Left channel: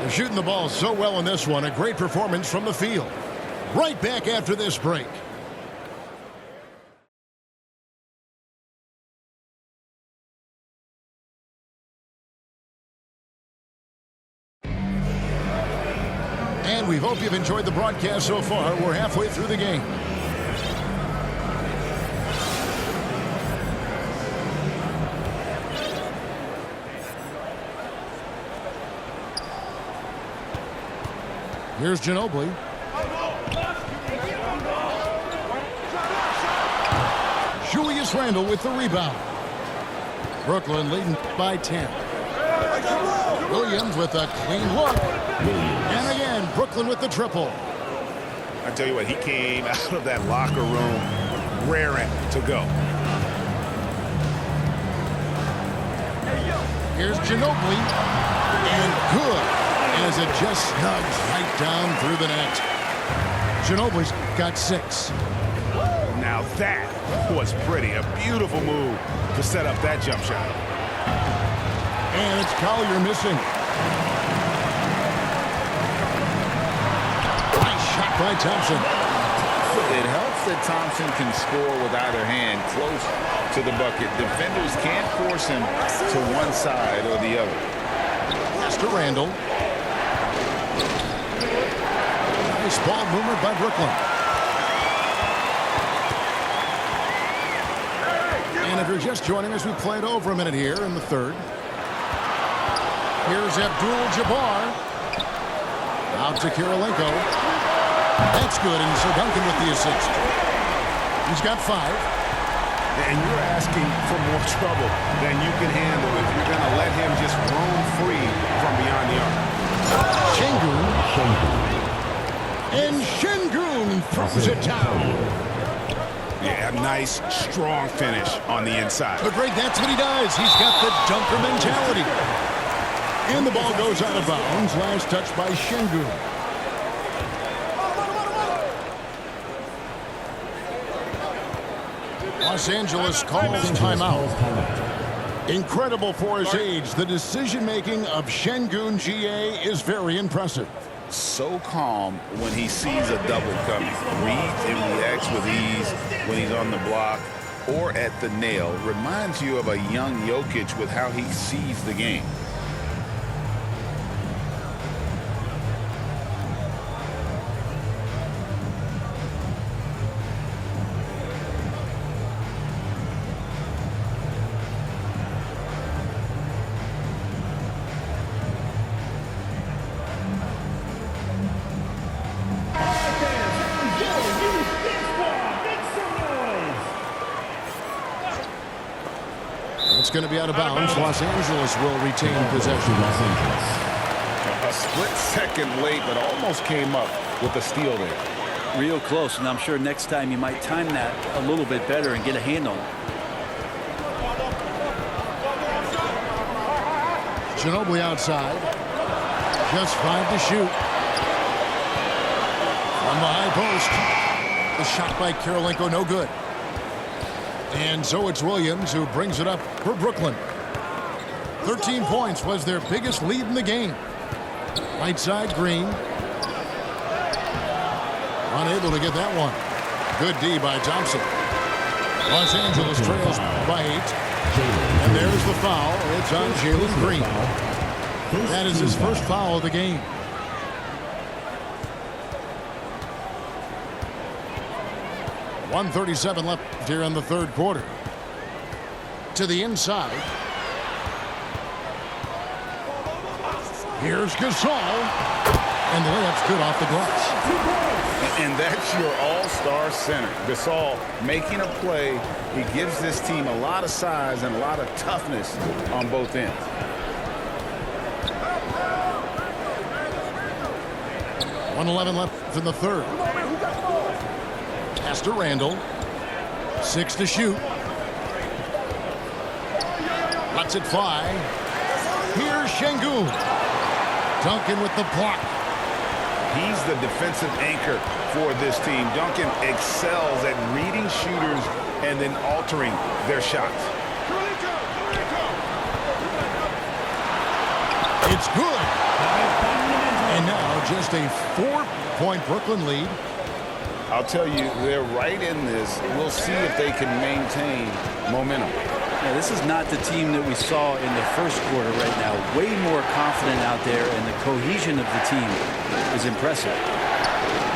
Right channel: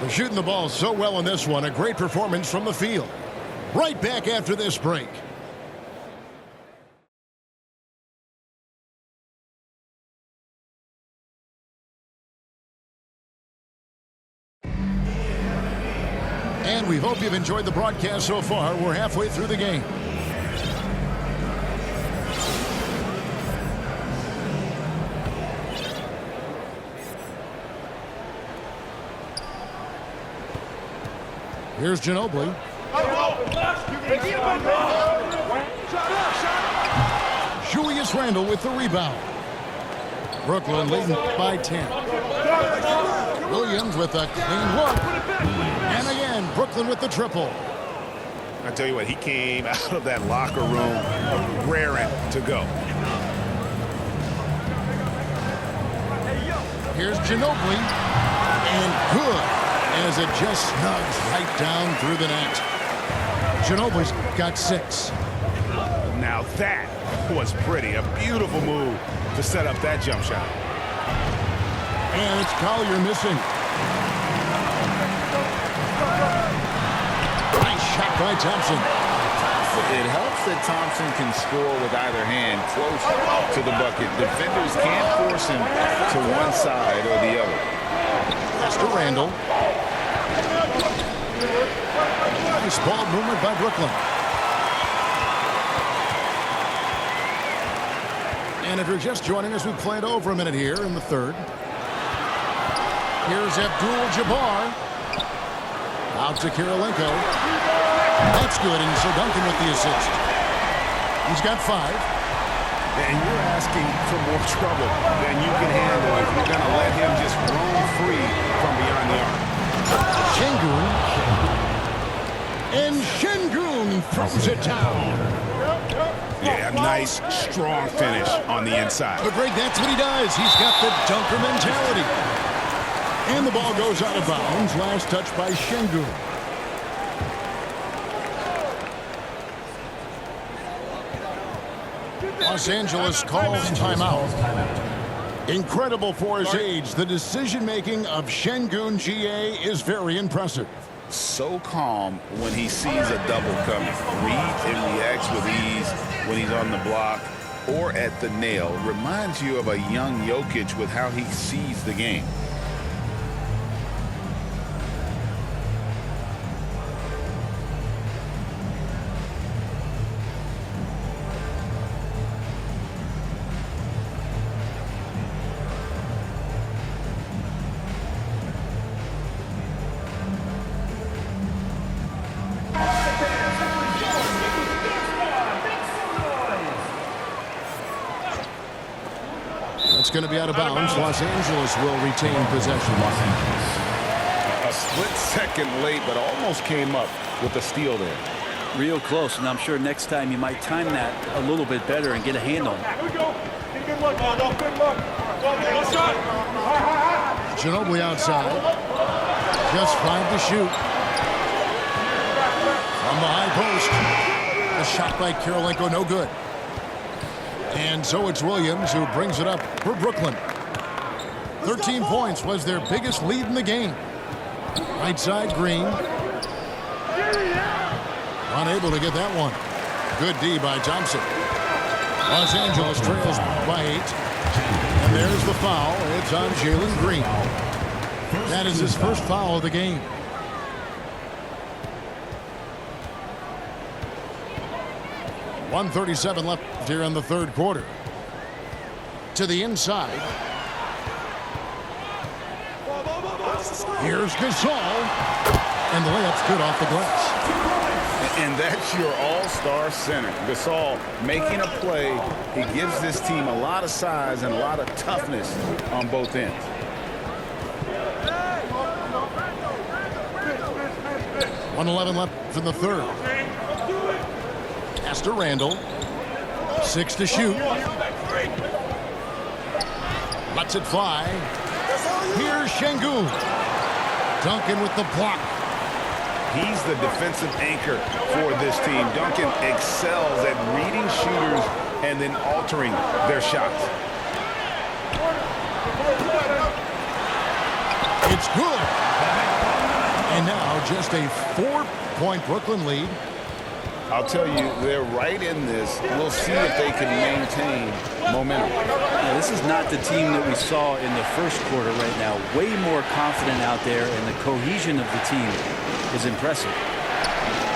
They're shooting the ball so well in this one. A great performance from the field. Right back after this break. And we hope you've enjoyed the broadcast so far. We're halfway through the game. Here's Ginobili. Julius Randle with the rebound. Brooklyn leading by 10. Williams with a clean look. And again, Brooklyn with the triple. I tell you what, he came out of that locker room raring to go. Here's Ginobili. And good, as it just snugs right down through the net. Ginobili's got 6. Now that was pretty. A beautiful move to set up that jump shot. And it's Collier missing. Nice shot by Thompson. It helps that Thompson can score with either hand close to the bucket. Defenders can't force him to one side or the other. Pass to Randle. Nice ball movement by Brooklyn. And if you're just joining us, we played over a minute here in the third. Here's Abdul-Jabbar. Out to Kirilenko. That's good, and so Duncan with the assist. He's got 5. And you're asking for more trouble than you can handle if you're going to let him just roam free from beyond the arc. Şengün. And Şengün throws it down. Yeah, a nice, strong finish on the inside. But Greg, that's what he does. He's got the dunker mentality. And the ball goes out of bounds. Last touch by Şengün. Los Angeles calls timeout. Incredible for his age. The decision-making of Şengün GA is very impressive. So calm when he sees a double coming. Reads and reacts with ease when he's on the block or at the nail. Reminds you of a young Jokic with how he sees the game. It's going to be out of bounds. Los Angeles will retain possession. A split second late, but almost came up with a steal there. Real close, and I'm sure next time you might time that a little bit better and get a hand on it. Ginobili outside. Just 5 to shoot. From the high post. The shot by Kirilenko, no good. And so it's Williams who brings it up for Brooklyn. 13 points was their biggest lead in the game. Right side, Green. Unable to get that one. Good D by Thompson. Los Angeles trails by 8. And there's the foul. It's on Jalen Green. That is his first foul of the game. .137 left here in the third quarter. To the inside. Here's Gasol. And the layup's good off the glass. And that's your all-star center. Gasol making a play. He gives this team a lot of size and a lot of toughness on both ends. .111 left in the third. Pass to Randle. 6 to shoot. Lets it fly. Here's Şengün. Duncan with the block. He's the defensive anchor for this team. Duncan excels at reading shooters and then altering their shots. It's good. And now just a 4-point Brooklyn lead. I'll tell you, they're right in this. We'll see if they can maintain momentum. Yeah, this is not the team that we saw in the first quarter right now. Way more confident out there, and the cohesion of the team is impressive.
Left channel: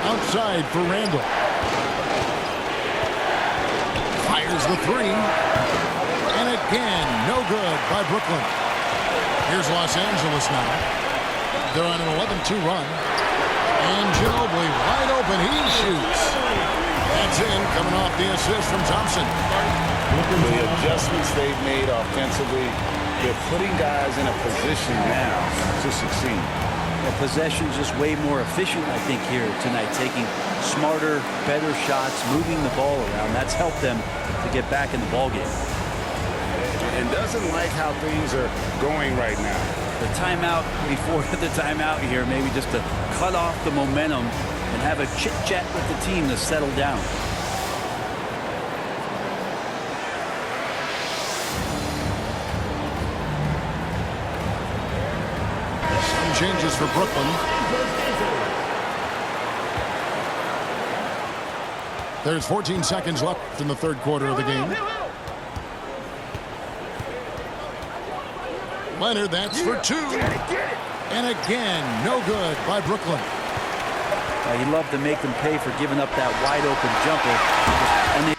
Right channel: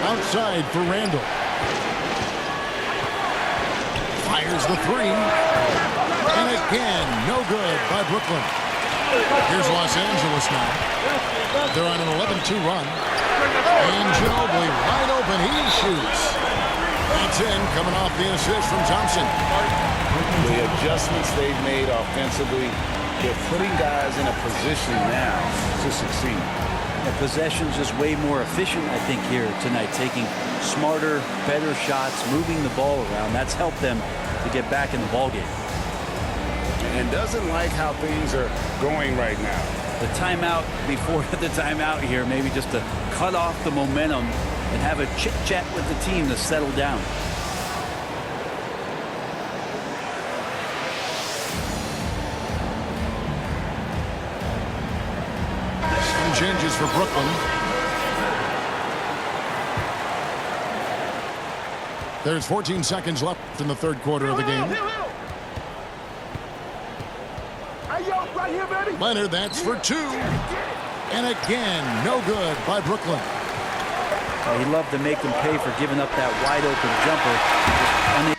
Outside for Randall. Fires the three. And again, no good by Brooklyn. Here's Los Angeles now. They're on an 11-2 run. And Ginobili wide open. He shoots. That's in, coming off the assist from Thompson. The adjustments they've made offensively, they're putting guys in a position now to succeed. Yeah, possession's just way more efficient, I think, here tonight. Taking smarter, better shots, moving the ball around. That's helped them to get back in the ball game. And doesn't like how things are going right now. The timeout before the timeout here, maybe just to cut off the momentum and have a chit-chat with the team to settle down. Some changes for Brooklyn. There's 14 seconds left in the third quarter of the game. Leonard, that's for two. And again, no good by Brooklyn. He loved to make them pay for giving up that wide open jumper. Just unable.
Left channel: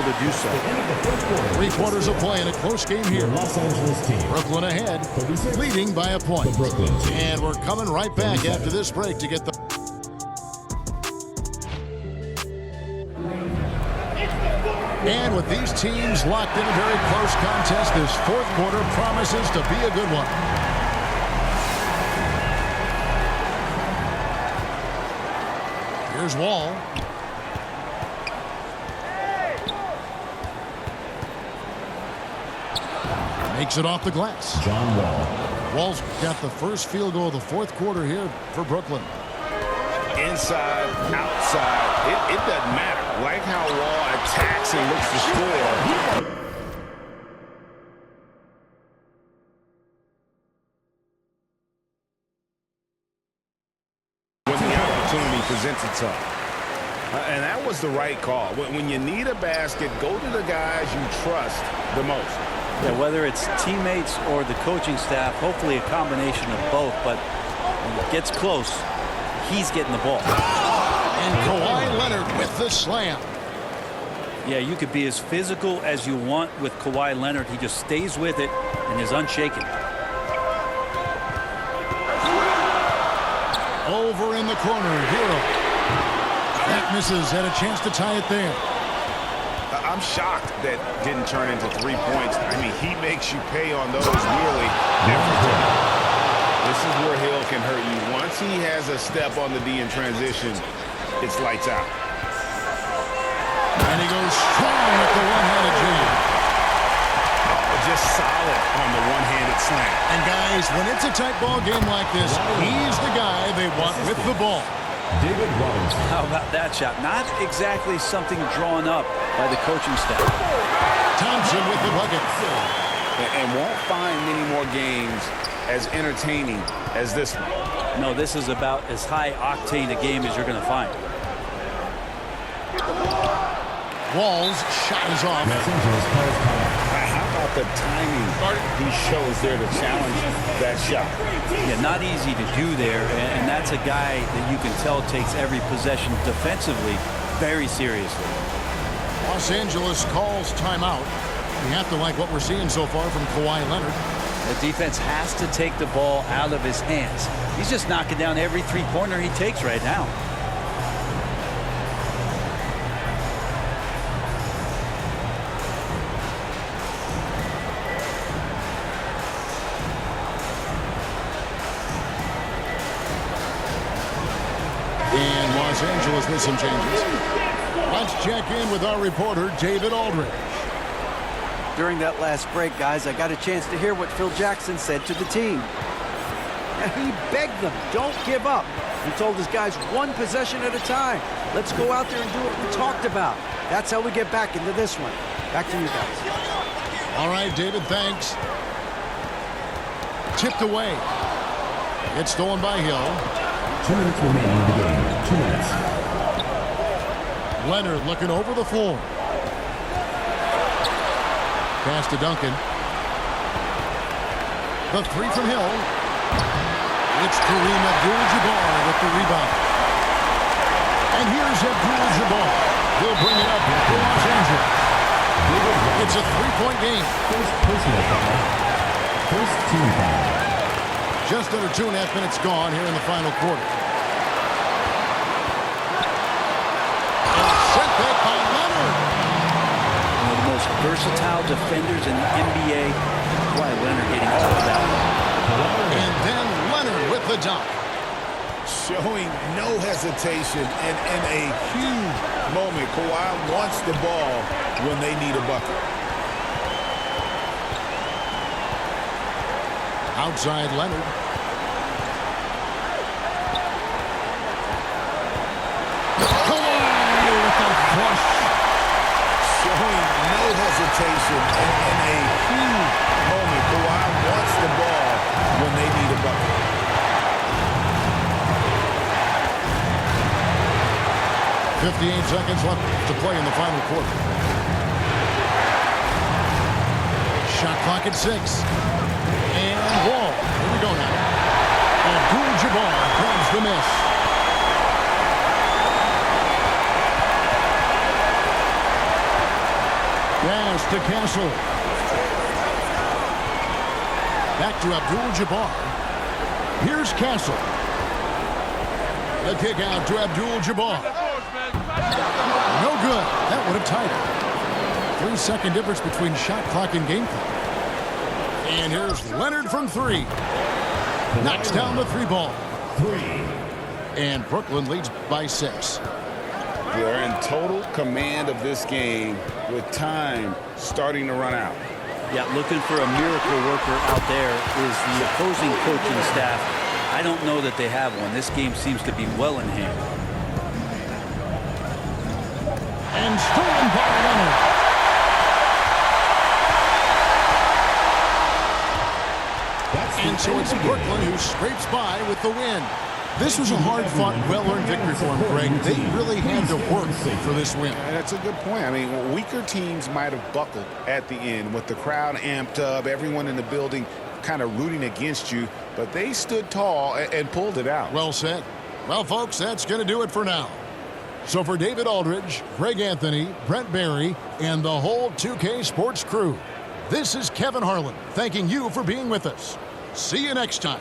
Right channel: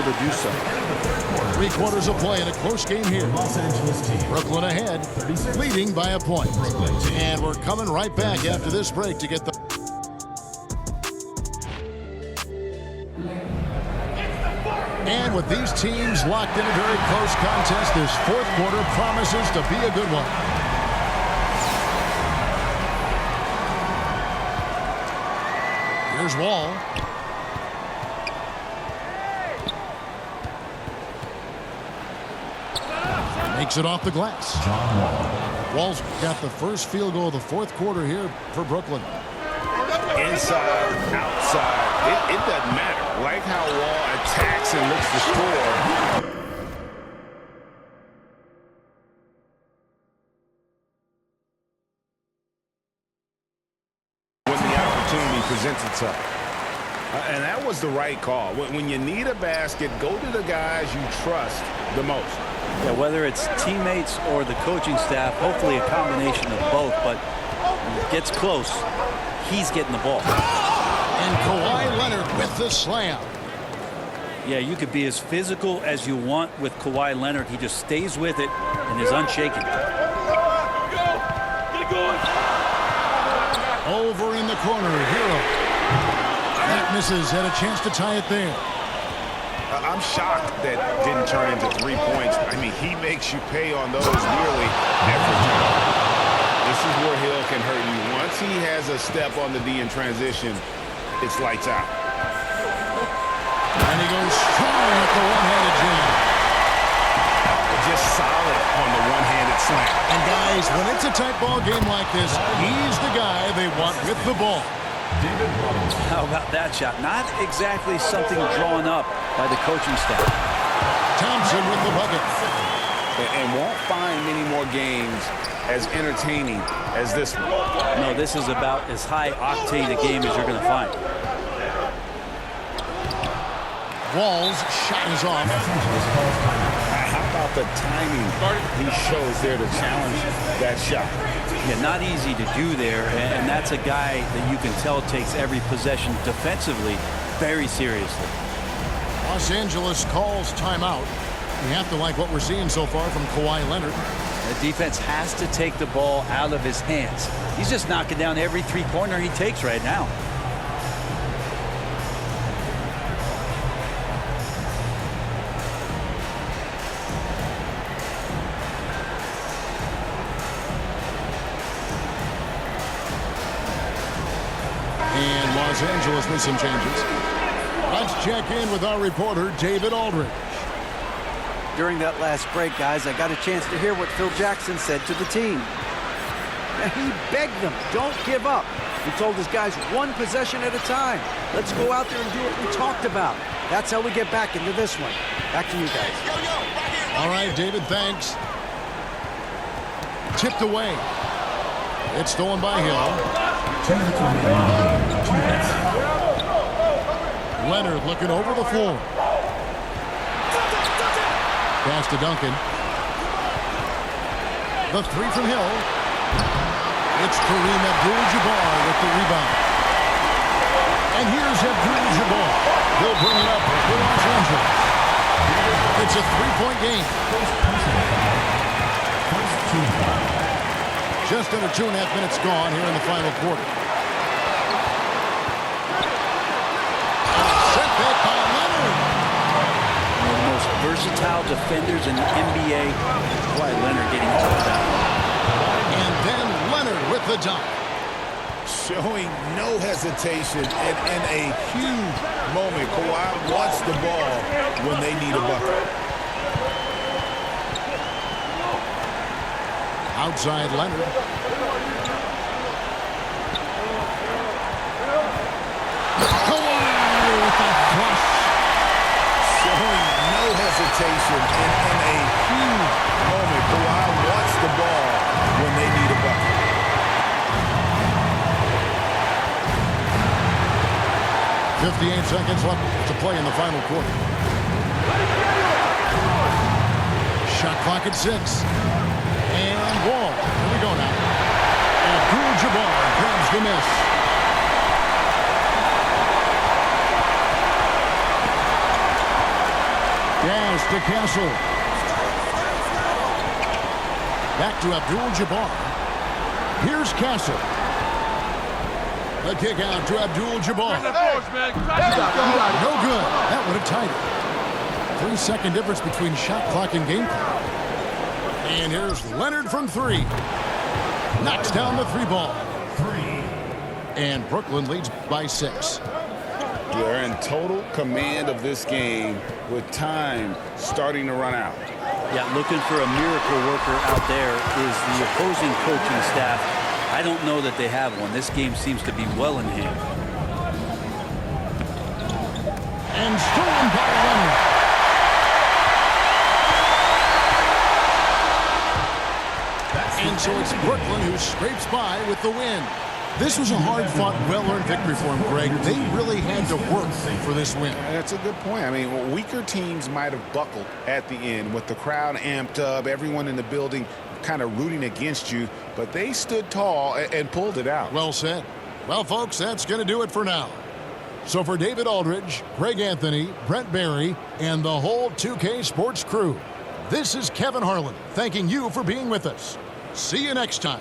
To do so. 3 quarters of play in a close game here. Los Angeles team. Brooklyn ahead, leading by a point. Brooklyn team. And we're coming right back after this break to get the... And with these teams locked in a very close contest, this fourth quarter promises to be a good one. Here's Wall. Makes it off the glass. John Wall. Wall's got the first field goal of the fourth quarter here for Brooklyn. Inside, outside, it doesn't matter. Like how Wall attacks and looks to score. When the opportunity presents itself. And that was the right call. When you need a basket, go to the guys you trust the most. Yeah, whether it's teammates or the coaching staff, hopefully a combination of both, but when it gets close, he's getting the ball. And Kawhi Leonard with the slam. Yeah, you could be as physical as you want with Kawhi Leonard. He just stays with it and is unshaken. Over in the corner, Hero. That misses, had a chance to tie it there. I'm shocked that didn't turn into 3 points. I mean, he makes you pay on those nearly every time. This is where Hill can hurt you. Once he has a step on the D in transition, it's lights out. And he goes strong with the one-handed jam. Oh, just solid on the one-handed slam. And guys, when it's a tight ball game like this, he's the guy they want with the ball. David Robinson. How about that shot? Not exactly something drawn up by the coaching staff. Thompson with the bucket. And won't find many more games as entertaining as this one. No, this is about as high octane a game as you're going to find. Wall's shot is off. Los Angeles calls timeout. How about the timing he shows there to challenge that shot? Yeah, not easy to do there, and that's a guy that you can tell takes every possession defensively very seriously. Los Angeles calls timeout. You have to like what we're seeing so far from Kawhi Leonard. The defense has to take the ball out of his hands. He's just knocking down every three-pointer he takes right now. And Los Angeles with some changes. Let's check in with our reporter, David Aldridge. During that last break, guys, I got a chance to hear what Phil Jackson said to the team. Now, he begged them, don't give up. He told his guys one possession at a time. Let's go out there and do what we talked about. That's how we get back into this one. Back to you guys. All right, David, thanks. Tipped away. It's stolen by Hill. 2 minutes remaining in the game. 2 minutes. Leonard looking over the floor. Pass to Duncan. The three from Hill. It's Kareem Abdul-Jabbar with the rebound. And here's Abdul-Jabbar. He'll bring it up for Los Angeles. It's a three-point game. First personal foul. First team foul. Just under 2.5 minutes gone here in the final quarter. And it's sent back by Leonard. One of the most versatile defenders in the NBA. That's why Leonard getting all of that one. And then Leonard with the dunk. Showing no hesitation and in a huge moment. Kawhi wants the ball when they need a bucket. Outside Leonard. Kawhi with the flush. Showing no hesitation and in a huge moment. Kawhi wants the ball when they need a bucket. .58 seconds left to play in the final quarter. Shot clock at 6. And Wall. Here we go now. Abdul-Jabbar grabs the miss. Pass to Castle. Back to Abdul-Jabbar. Here's Castle. The kick out to Abdul-Jabbar. No good. That would have tied it. 3-second difference between shot clock and game clock. And here's Leonard from 3. Knocks down the 3 ball. 3. And Brooklyn leads by 6. They're in total command of this game with time starting to run out. Yeah, looking for a miracle worker out there is the opposing coaching staff. I don't know that they have one. This game seems to be well in hand. And stolen by Leonard. And so it's Brooklyn who scrapes by with the win. This was a hard-fought, well-earned victory for him, Greg. They really had to work for this win. That's a good point. I mean, weaker teams might have buckled at the end with the crowd amped up, everyone in the building kind of rooting against you, but they stood tall and pulled it out. Well said. Well, folks, that's going to do it for now. So for David Aldridge, Greg Anthony, Brent Barry, and the whole 2K Sports crew, this is Kevin Harlan thanking you for being with us. See you next time.